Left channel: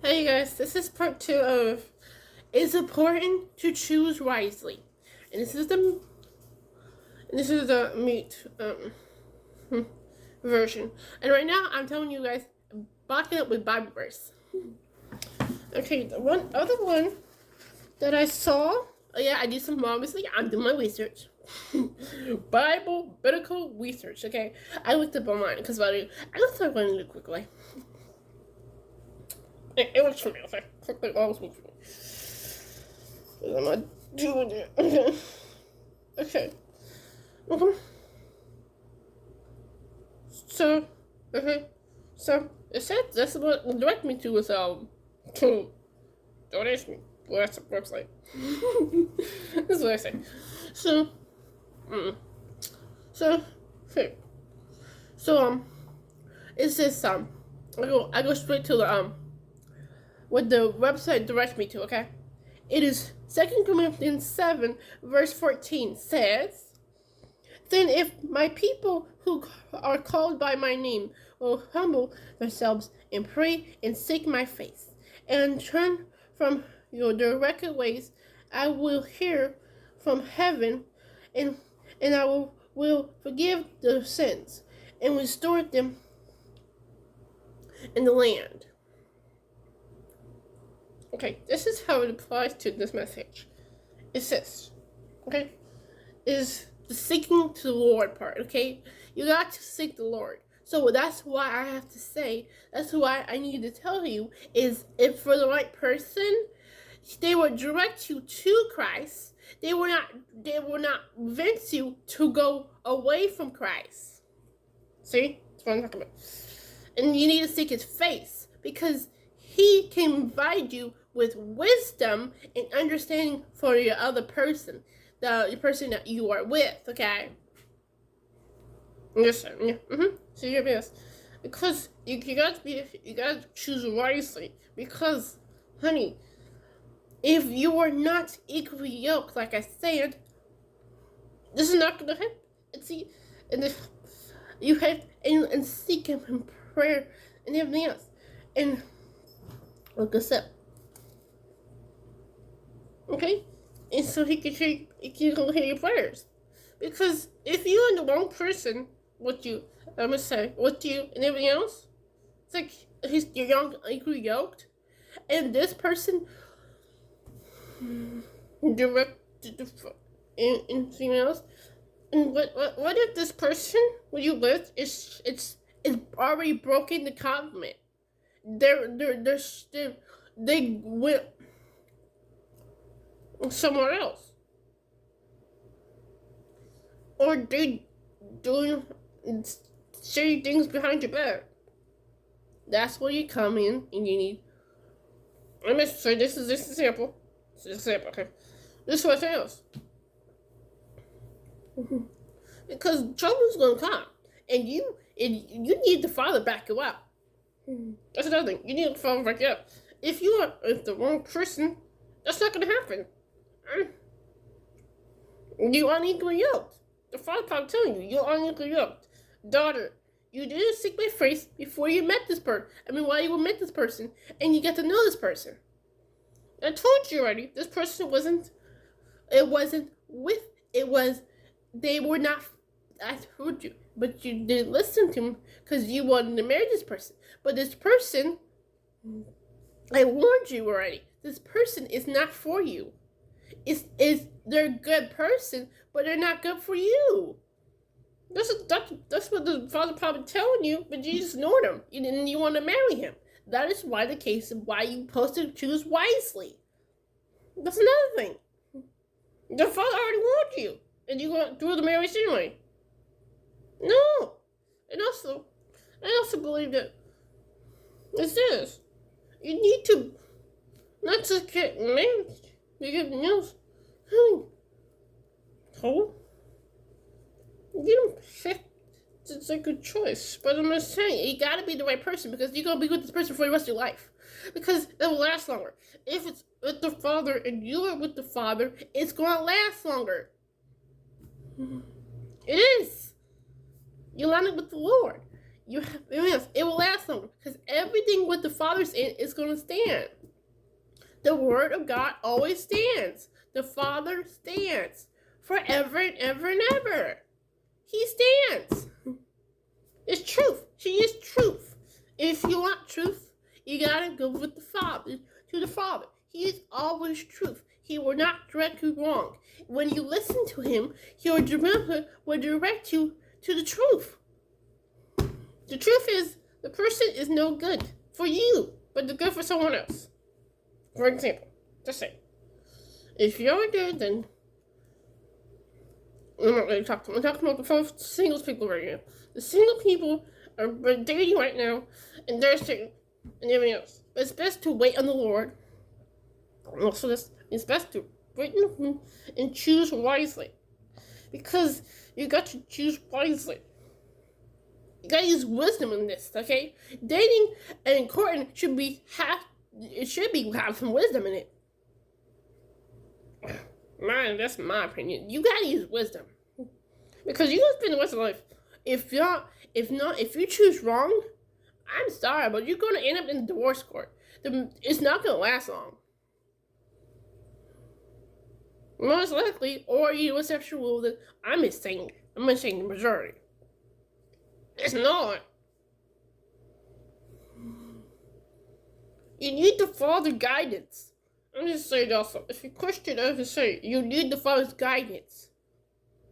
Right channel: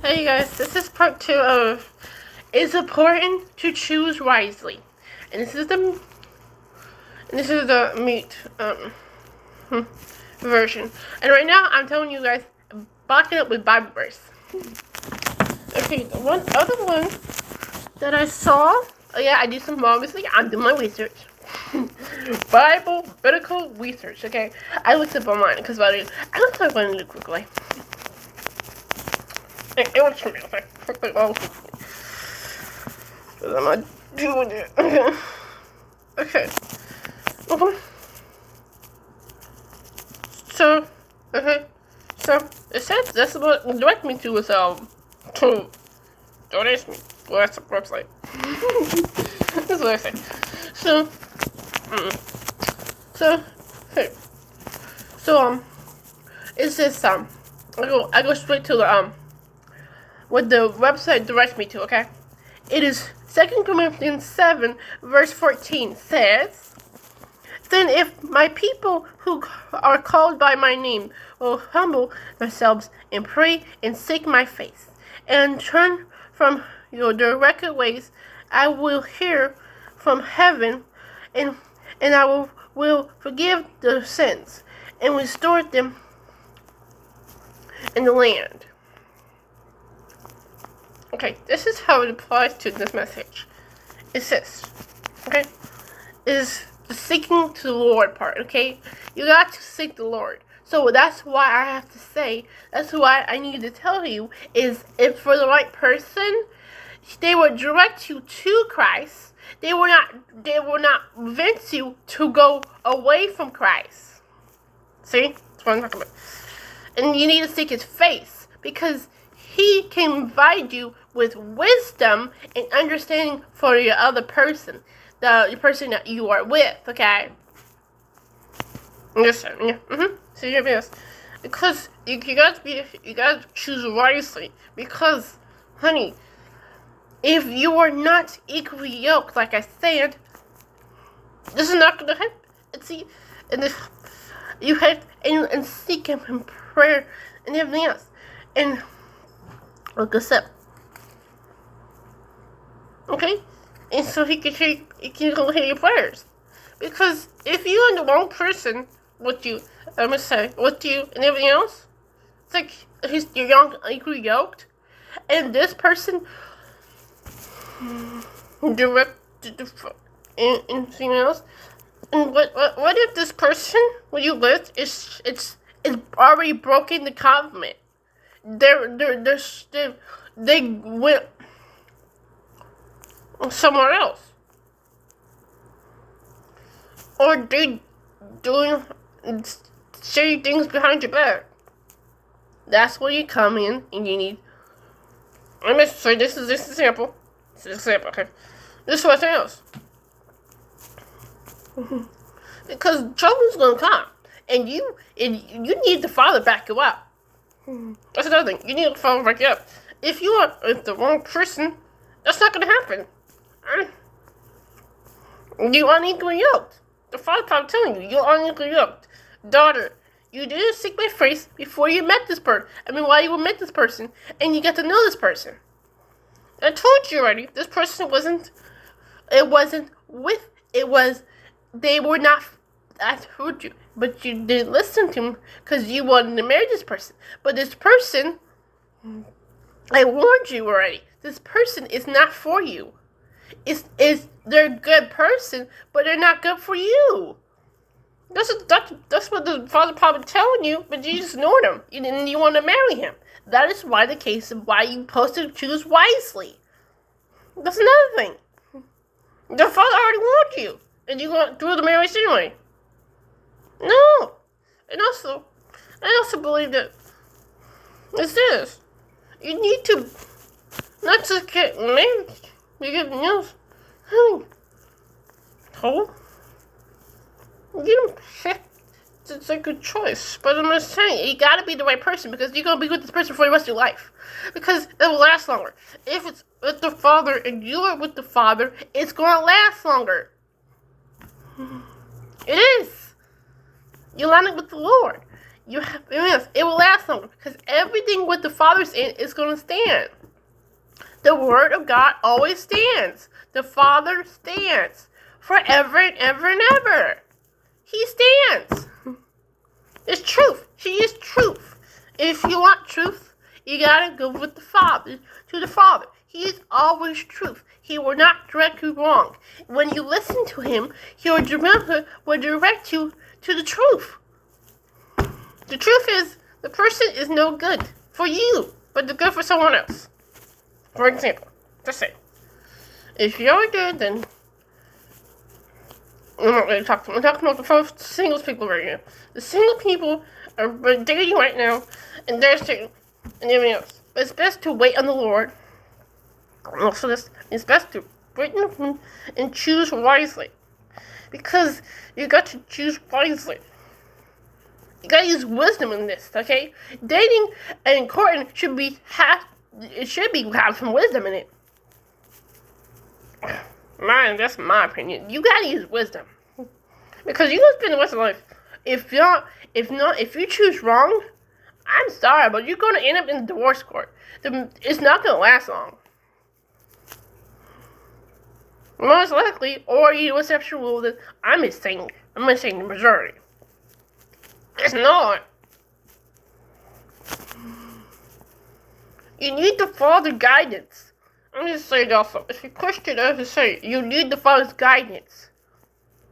Hey guys, this is part 2 of It's Important to Choose Wisely. And this is the meat version. And right now I'm telling you guys, back it up with Bible verse. Okay, the one other one that I saw, oh yeah, I did some obviously, I'm doing my research. Bible biblical research, okay? I looked up online because I looked up one really quickly. It was for me, okay? I'm not doing it. Okay. So, okay. So, it says that's what direct me to is, to donate me. Well, that's the website. That's what I say. So, so, hey. So, it's this, I go straight to the, what the website directs me to, okay? It is 2 Corinthians 7, verse 14 says, "Then if my people who are called by my name will humble themselves and pray and seek my face and turn from their wicked ways, I will hear from heaven and I will forgive their sins and restore them in the land." Okay, this is how it applies to this message. It says, okay, is the seeking to the Lord part, okay? You got to seek the Lord. So that's why I have to say, that's why I need to tell you, is if for the right person, they will direct you to Christ. They will not convince you to go away from Christ. See? That's what I'm talking about. And you need to seek his face, because he can provide you with wisdom and understanding for your other person, the person that you are with, okay? Yes, sir. Yeah. So yes, because you gotta choose wisely. Because, honey, if you are not equally yoked, like I said, this is not gonna happen. See, and if you have and seek him in prayer and everything else, and look us up. Okay? And so he can hear your prayers. Because if you and the wrong person with you, with you and everything else, it's like you're young, equally yoked, and this person directed anything else. And what if this person where you live is already broken the covenant? They went somewhere else, or they doing shady things behind your back. That's where you come in, and you need. I'm gonna say this is example. This is example, okay? This is what else. Because trouble's gonna come, and you need the Father back you up. That's another thing. You need the Father back you up. If you are the wrong person, that's not gonna happen. You are unequally yoked. The Father probably telling you, you're unequally yoked. Daughter, you didn't seek my face before you met this person. While you met this person, and you got to know this person. I told you already, this person they were not, I told you, but you didn't listen to him because you wanted to marry this person. But this person, I warned you already, this person is not for you. They're a good person, but they're not good for you. That's what the Father probably telling you, but you just ignored him. You want to marry him. That is why the case of why you supposed to choose wisely. That's another thing. The Father already warned you, and you went through the marriage anyway. No, and also, I also believe that it's this. You need to not just get married. You get news. Honey, oh, you don't. It's a good choice, but I'm just saying, you gotta be the right person, because you're gonna be with this person for the rest of your life, because it will last longer. If it's with the Father and you are with the Father, it's gonna last longer. It is. You line up with the Lord. You have, yes, it will last longer because everything with the Father's in is going to stand. The Word of God always stands. The Father stands forever and ever and ever. He stands. It's truth. He is truth. If you want truth, you gotta go with the Father, to the Father. He is always truth. He will not direct you wrong. When you listen to him, he will direct you to the truth. The truth is, the person is no good for you, but they're good for someone else. For example, just say, if you're good, then I'm not really talking. I'm talking about the first singles people right now. The single people are dating right now, and they're saying, and everything else. But it's best to wait on the Lord. Also, it's best to wait and choose wisely, because you got to choose wisely. You gotta use wisdom in this, okay? Dating and courting should have some wisdom in it. That's my opinion. You gotta use wisdom, because you gonna spend the rest of life. If you choose wrong, I'm sorry, but you're gonna end up in the divorce court. It's not gonna last long. Most likely, or you a sexual rule that I'm saying the majority. It's not. You need to follow the guidance. I'm just saying also, if you're Christian, I have to say, you need to follow his guidance.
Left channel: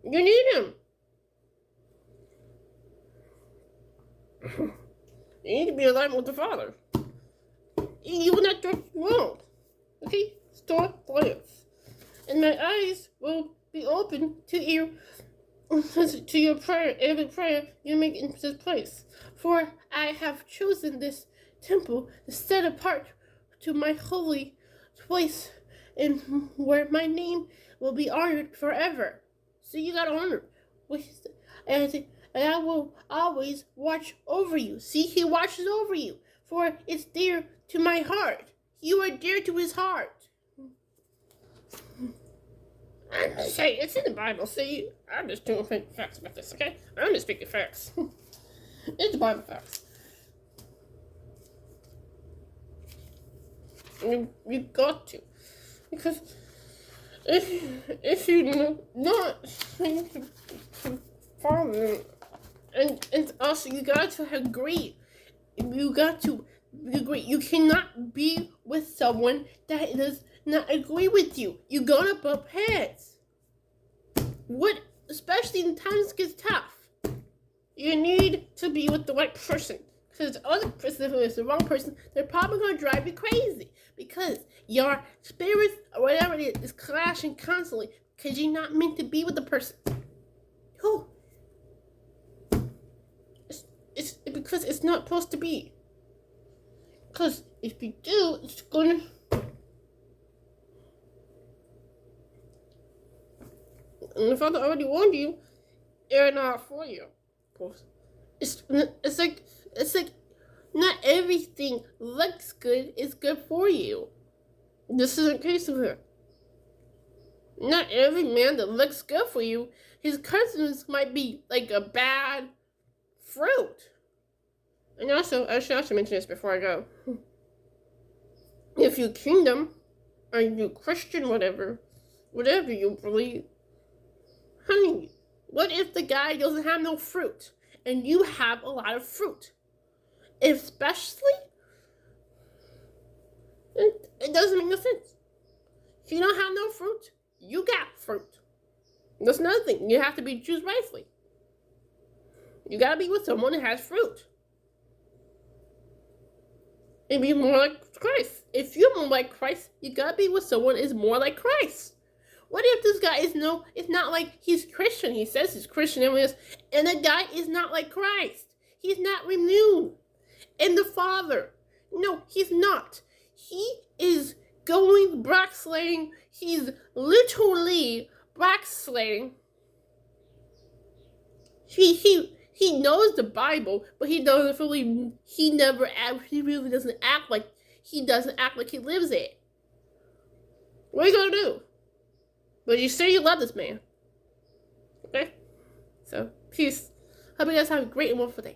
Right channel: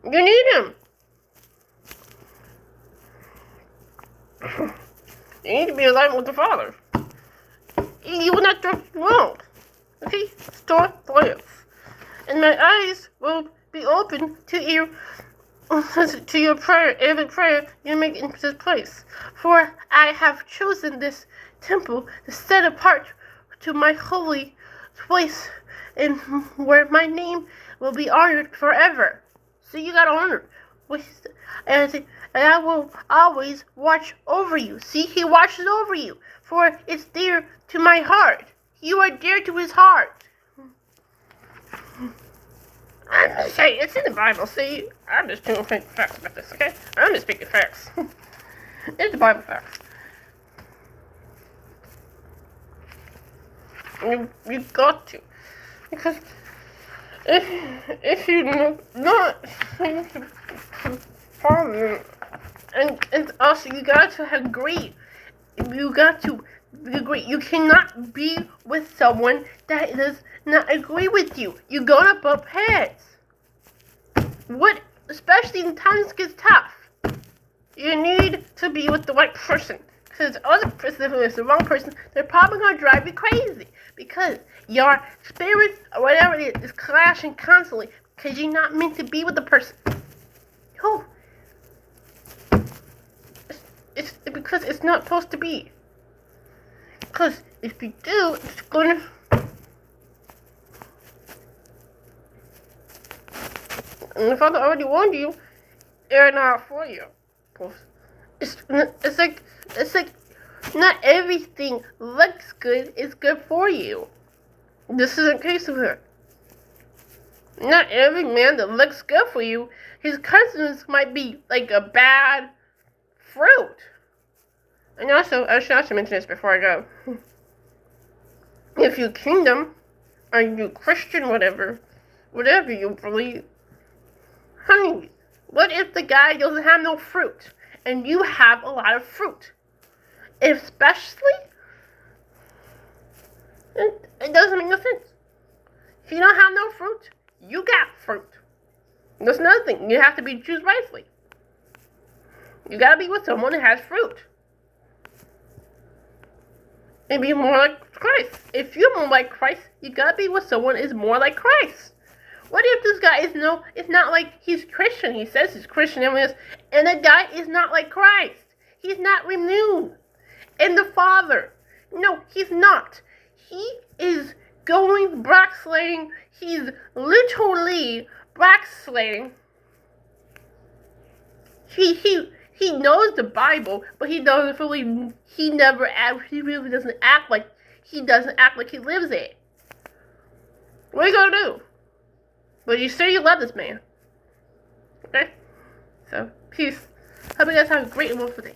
You need him. You need to be aligned with the Father. You will not drift wrong. Okay? Start live. And my eyes will be open to your prayer, every prayer you make in this place. For I have chosen this temple to set apart to my holy place, and where my name will be honored forever. So you got honored. And I will always watch over you. See, he watches over you, for it's dear to my heart. You are dear to his heart. I'm just saying, it's in the Bible. See, I'm just doing facts about this, okay? I'm just speaking facts. It's the Bible facts. You got to, because if you're not following, and also you got to agree. You got to agree. You cannot be with someone that does not agree with you. You're gonna bump heads. Especially when times get tough. You need to be with the right person. Because the other person, if it's the wrong person, they're probably gonna drive you crazy. Because your spirits or whatever it is clashing constantly. Because you're not meant to be with the person. Oh. It's because it's not supposed to be. Because if you do, it's gonna. And the Father already warned you, they're not for you. It's like not everything looks good is good for you. This isn't the case of her. Not every man that looks good for you, his cousins might be like a bad fruit. And also, I should also mention this before I go. If you kingdom, or you Christian, whatever you believe, honey, what if the guy doesn't have no fruit, and you have a lot of fruit? Especially, it doesn't make no sense. If you don't have no fruit, you got fruit. That's another thing. You have to choose wisely. You gotta be with someone that has fruit. And be more like Christ. If you're more like Christ, you gotta be with someone that is more like Christ. What if this guy it's not like he's Christian, he says he's Christian, and the guy is not like Christ. He's not renewed. And the Father, no, he's not. He is going backsliding. He's literally backsliding. He knows the Bible, but he really doesn't act like he lives it. What are you gonna do? But you say you love this man. Okay? So, peace. Hope you guys have a great and wonderful day.